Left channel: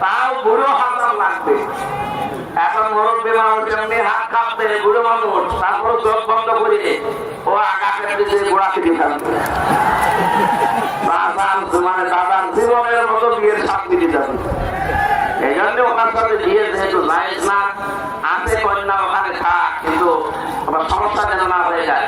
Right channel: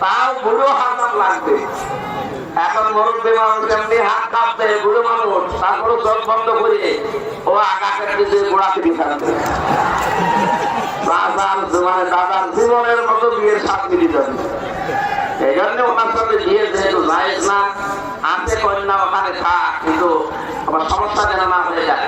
তাও বুড়ো হাজার লাগবে। এখন মুরব্বী মানুষ হাত কাঁপবে বুড়ো মানুষ তারপরে চোখ বন্ধ করে ও আকাশের দিকে গোড়াকে দিয়ে থাকবে এই জন্য যেহেতু না ওখানে আমার সমস্যা যেন না হয়ে যায়।